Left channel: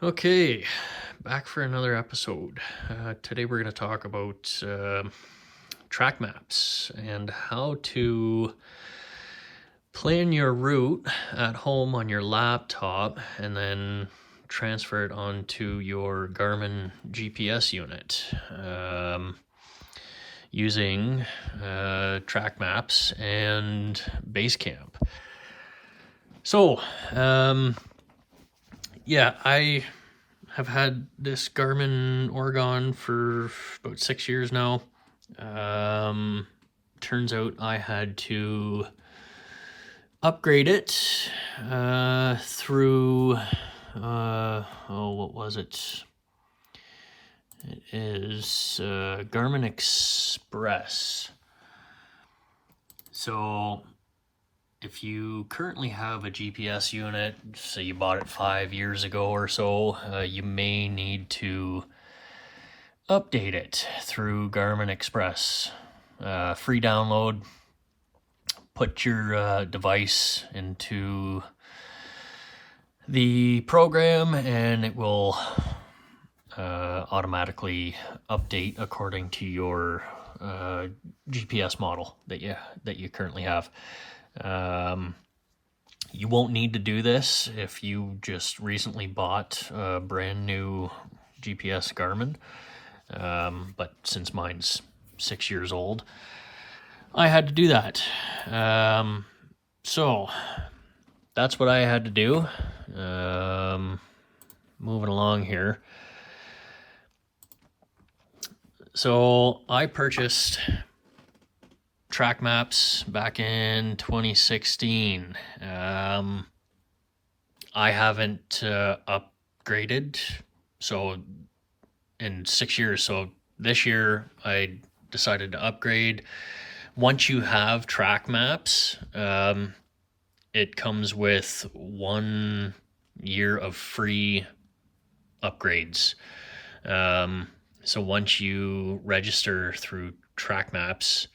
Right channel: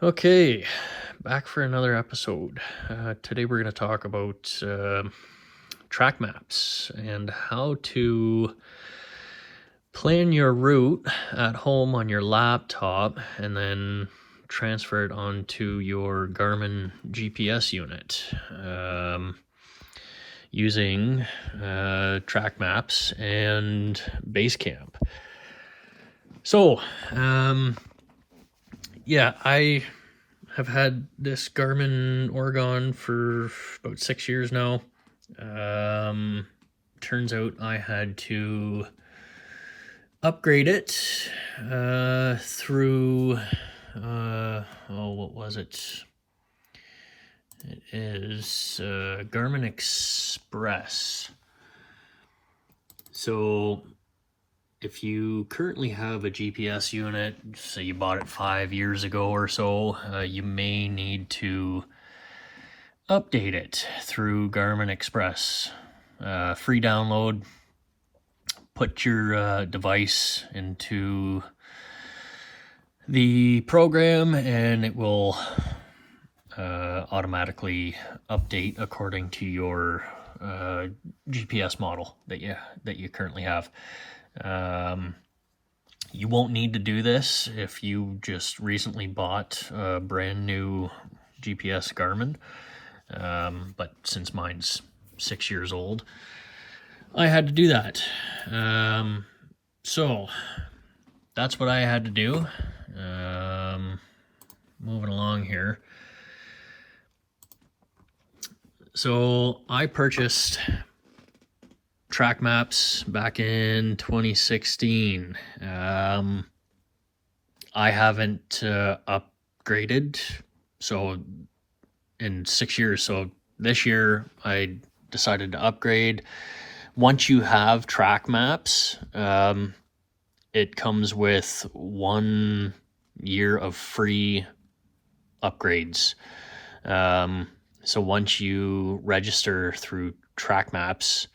Okay, back for another episode. Today we're going to talk about track maps and how to plan your route at home on your laptop and then transfer it onto your Garmin GPS unit using track maps and Basecamp. So, yeah, I have had this Garmin Oregon for about 6 years now. Turns out I had to upgrade it through, what was it? It is Garmin Express. So if you currently have a GPS unit, say you bought it 5 years ago or so, you may need to update it through Garmin Express. Free download. Put your device into the program and it will automatically update according to your GPS model that you currently have. You won't need to do this if you just recently bought a brand new GPS Garmin, but since mine's 6 years old, I had to do that. So that's what I had to do. Moving along here. So I purchased Trakmaps back in 2016. I haven't upgraded so in 6 years. So this year I decided to upgrade. Once you have Trakmaps, it comes with 1 year of free upgrades. So once you register through Trakmaps,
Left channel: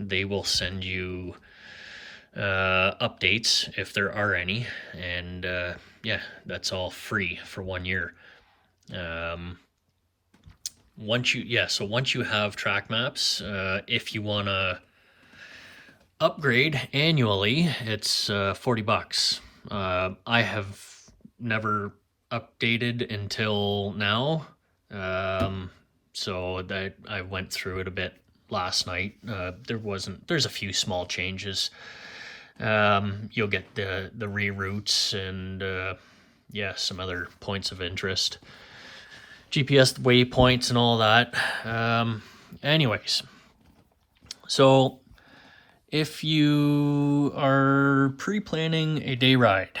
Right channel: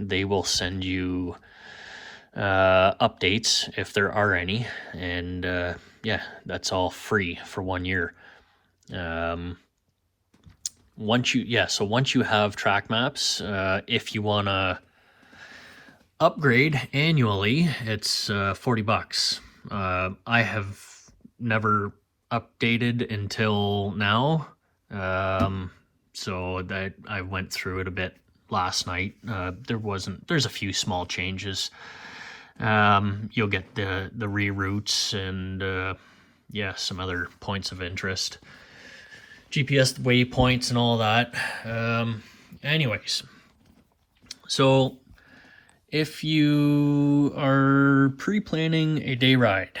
they will send you updates if there are any, and yeah, that's all free for 1 year. Once you have Trakmaps, if you want to upgrade annually, it's $40. I have never updated until now, so that I went through it a bit last night. There's a few small changes. You'll get the reroutes and yeah, some other points of interest, GPS waypoints and all that. Anyways, so if you are pre-planning a day ride,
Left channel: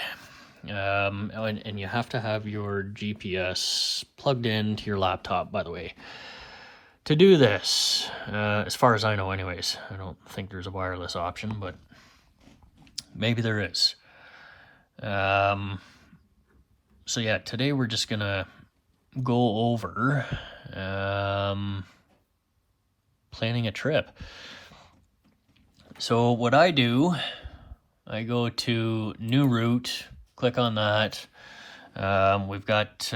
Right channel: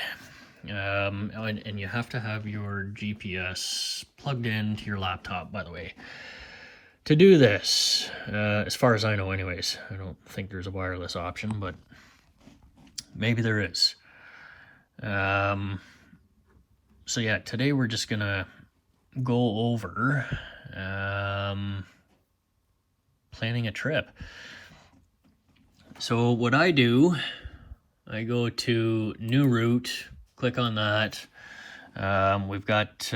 and you have to have your GPS plugged into your laptop, by the way, to do this, as far as I know anyways. I don't think there's a wireless option, but maybe there is. So yeah, today we're just gonna go over planning a trip. So what I do, I go to new route, click on that. We've got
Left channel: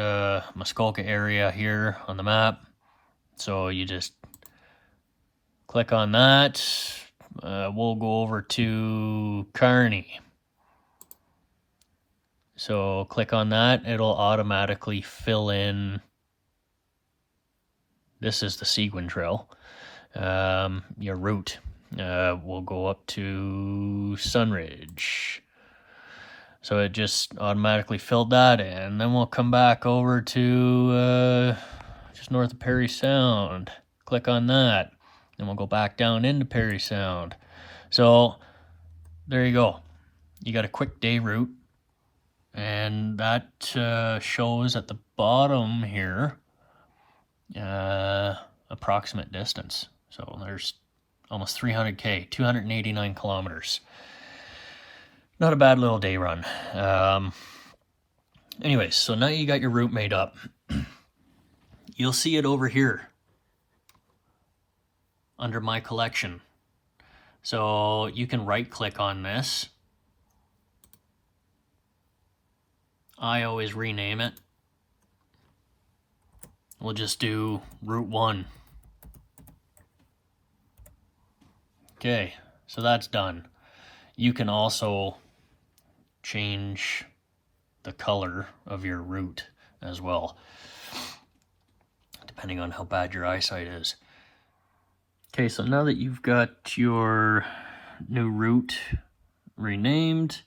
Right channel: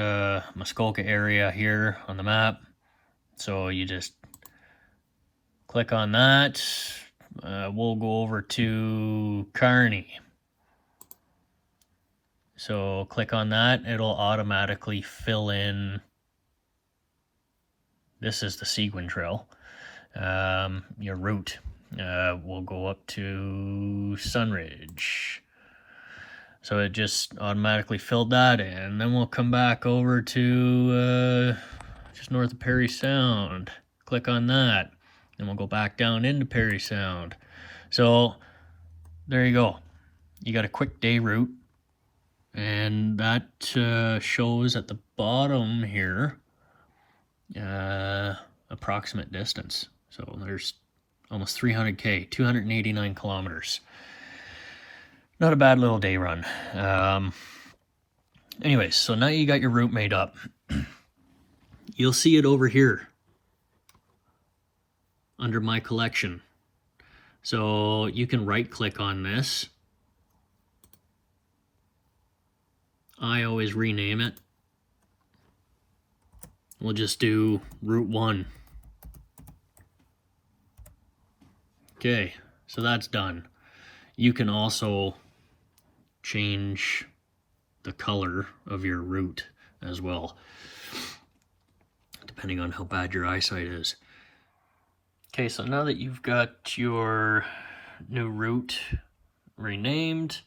Muskoka area here on the map. So you just click on that. We'll go over to Kearney. So click on that. It'll automatically fill in. This is the Seguin Trail. Your route. We'll go up to Sunridge. So it just automatically filled that in. Then we'll come back over to just north of Perry Sound. Click on that. Then we'll go back down into Perry Sound. So there you go. You got a quick day route. And that shows at the bottom here approximate distance. So there's almost 300K, 289 kilometers. Not a bad little day run. Anyways, so now you got your route made up. You'll see it over here under my collection. So you can right click on this. I always rename it. we'll just do Route 1. Okay, so that's done. You can also change the color of your route as well, depending on how bad your eyesight is. Okay, so now that you've got your new route renamed,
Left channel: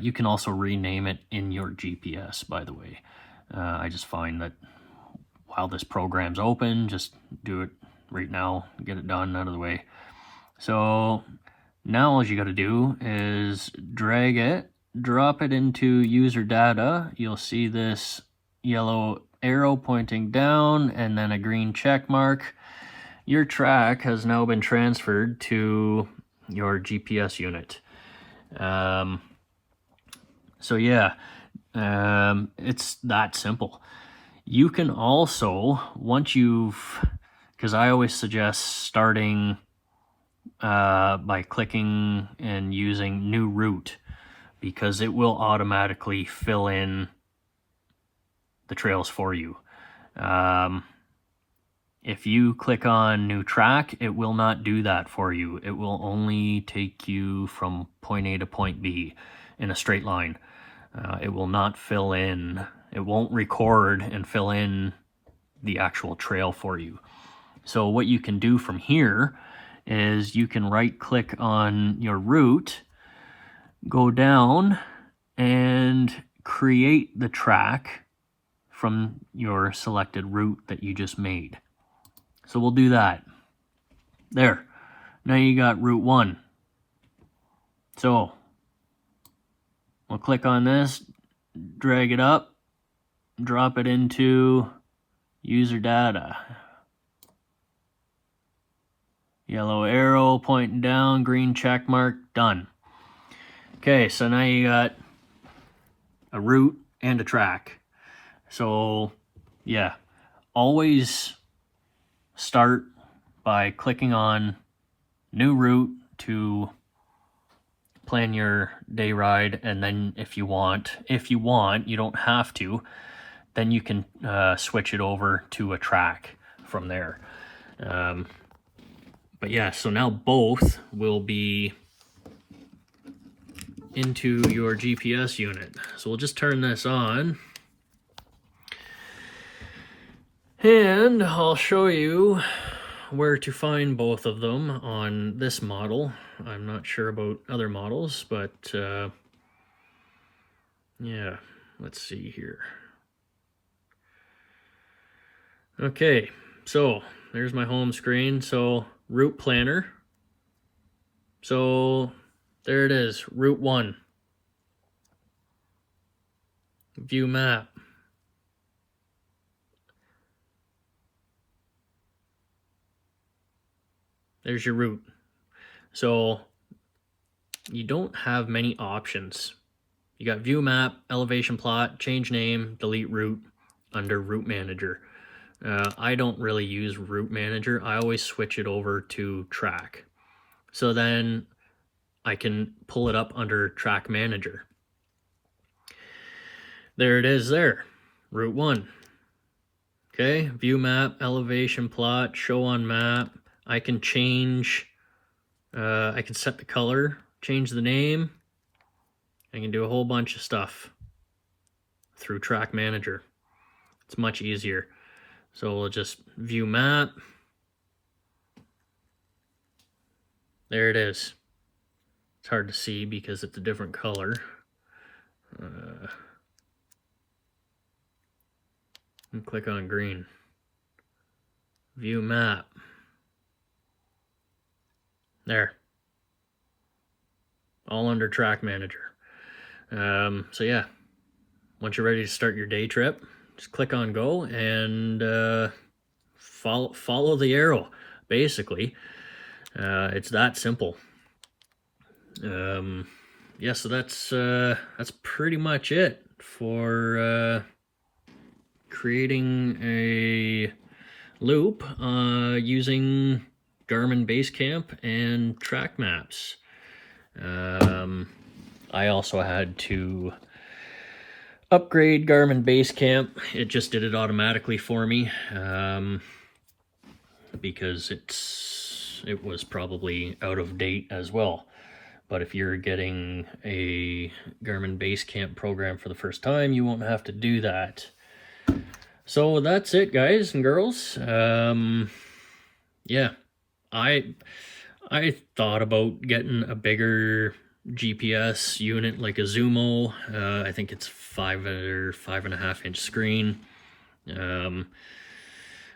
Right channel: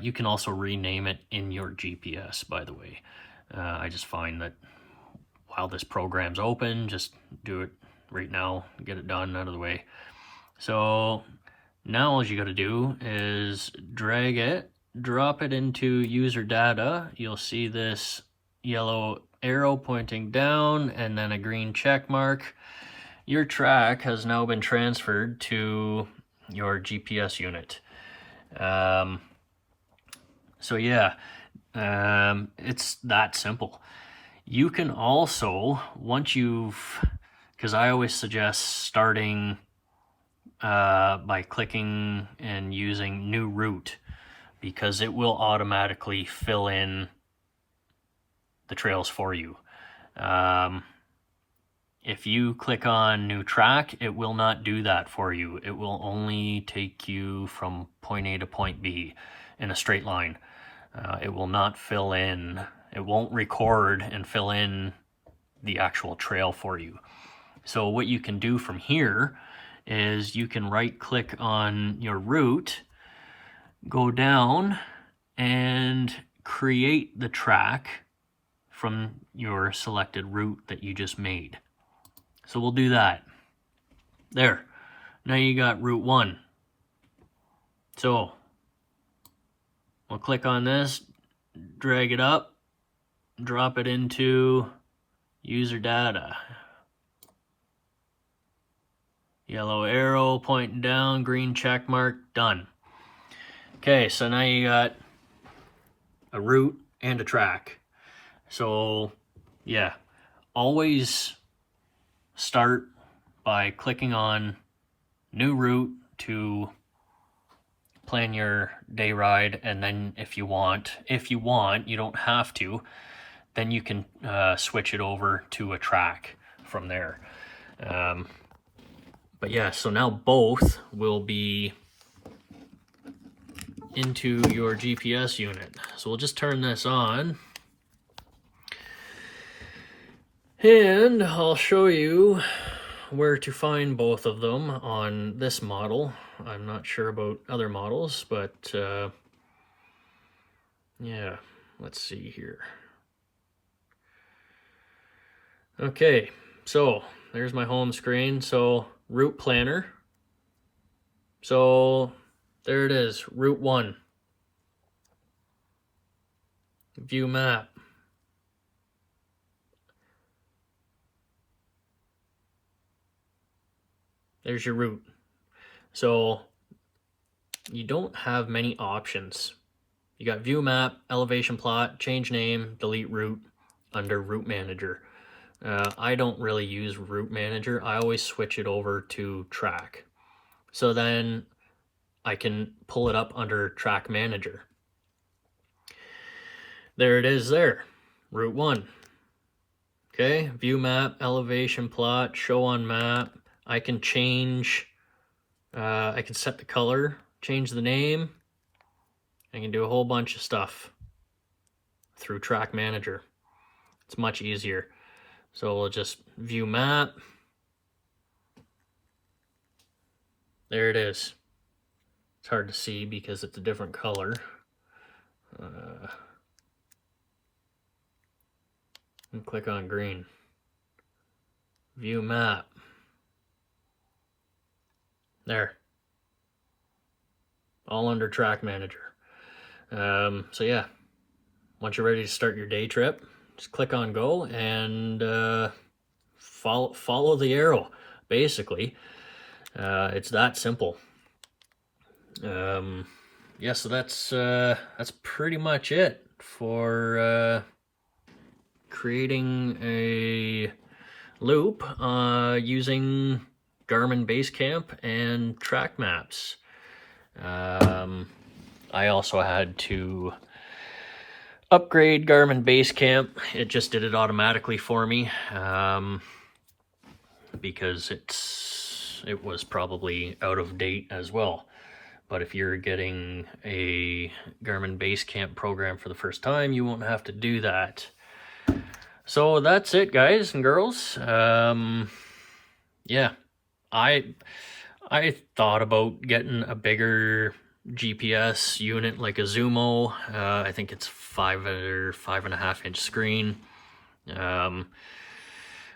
you can also rename it in your GPS, by the way. I just find that while this program's open, just do it right now, get it done, out of the way. So now all you got to do is drag it, drop it into user data. You'll see this yellow arrow pointing down and then a green check mark. Your track has now been transferred to your GPS unit. So yeah, it's that simple. You can also, once you've, because I always suggest starting by clicking and using new route, because it will automatically fill in the trails for you. If you click on new track, it will not do that for you. It will only take you from point A to point B in a straight line. It will not fill in, it won't record and fill in the actual trail for you. So what you can do from here is you can right click on your route, go down and create the track from your selected route that you just made. So we'll do that. There. Now you got Route 1. So we'll click on this, drag it up, drop it into user data. Yellow arrow pointing down, green check mark, done. Okay, so now you got a route and a track. So yeah, always start by clicking on new route to plan your day ride, and then if you want, you don't have to, then you can switch it over to a track from there. But yeah, so now both will be into your GPS unit. So we'll just turn this on. And I'll show you where to find both of them on this model. I'm not sure about other models, but yeah, let's see here. Okay, so there's my home screen. So route planner. So there it is, Route 1. View map. There's your route. So you don't have many options. You got view map, elevation plot, change name, delete route under route manager. I don't really use route manager. I always switch it over to track. So then I can pull it up under track manager. There it is there, Route 1. Okay, view map, elevation plot, show on map. I can change, I can set the color, change the name. I can do a whole bunch of stuff through track manager. It's much easier. So we'll just view map. There it is. It's hard to see because it's a different color. And click on green. View map. There. All under track manager. So yeah, once you're ready to start your day trip, just click on go and follow the arrow, basically. It's that simple. Yeah, so that's pretty much it for creating a loop using Garmin Basecamp and Trakmaps. I also had to upgrade Garmin Basecamp. It just did it automatically for me because it was probably out of date as well. But if you're getting a Garmin Basecamp program for the first time, you won't have to do that. So that's it, guys and girls. Yeah, I thought about getting a bigger GPS unit like a Zumo. I think it's 5 or 5.5 inch screen.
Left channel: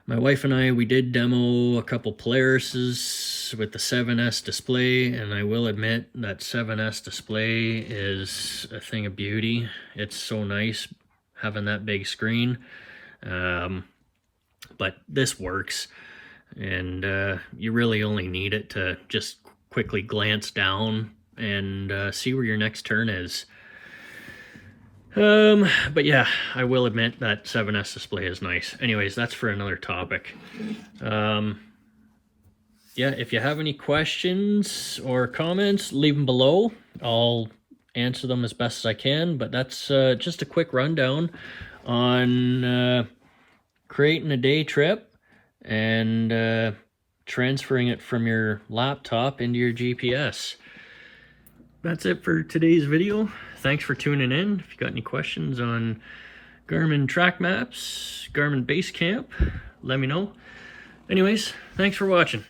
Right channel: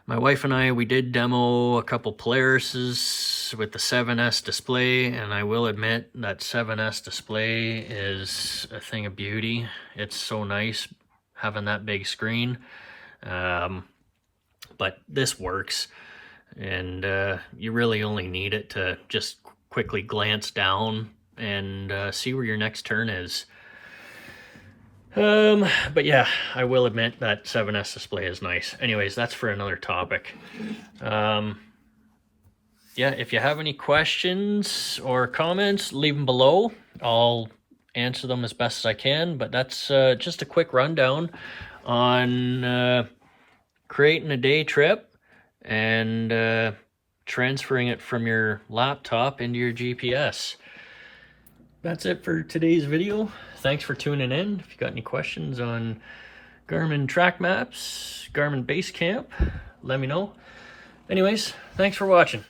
My wife and I, we did demo a couple Polarises with the 7S display, and I will admit that 7S display is a thing of beauty. It's so nice having that big screen. But this works, and you really only need it to just quickly glance down and see where your next turn is. But yeah, I will admit that 7S display is nice. Anyways, that's for another topic. Yeah, if you have any questions or comments, leave them below. I'll answer them as best as I can, but that's just a quick rundown on creating a day trip and transferring it from your laptop into your GPS. That's it for today's video. Thanks for tuning in. If you got any questions on Garmin Trakmaps, Garmin Basecamp, let me know. Anyways, thanks for watching.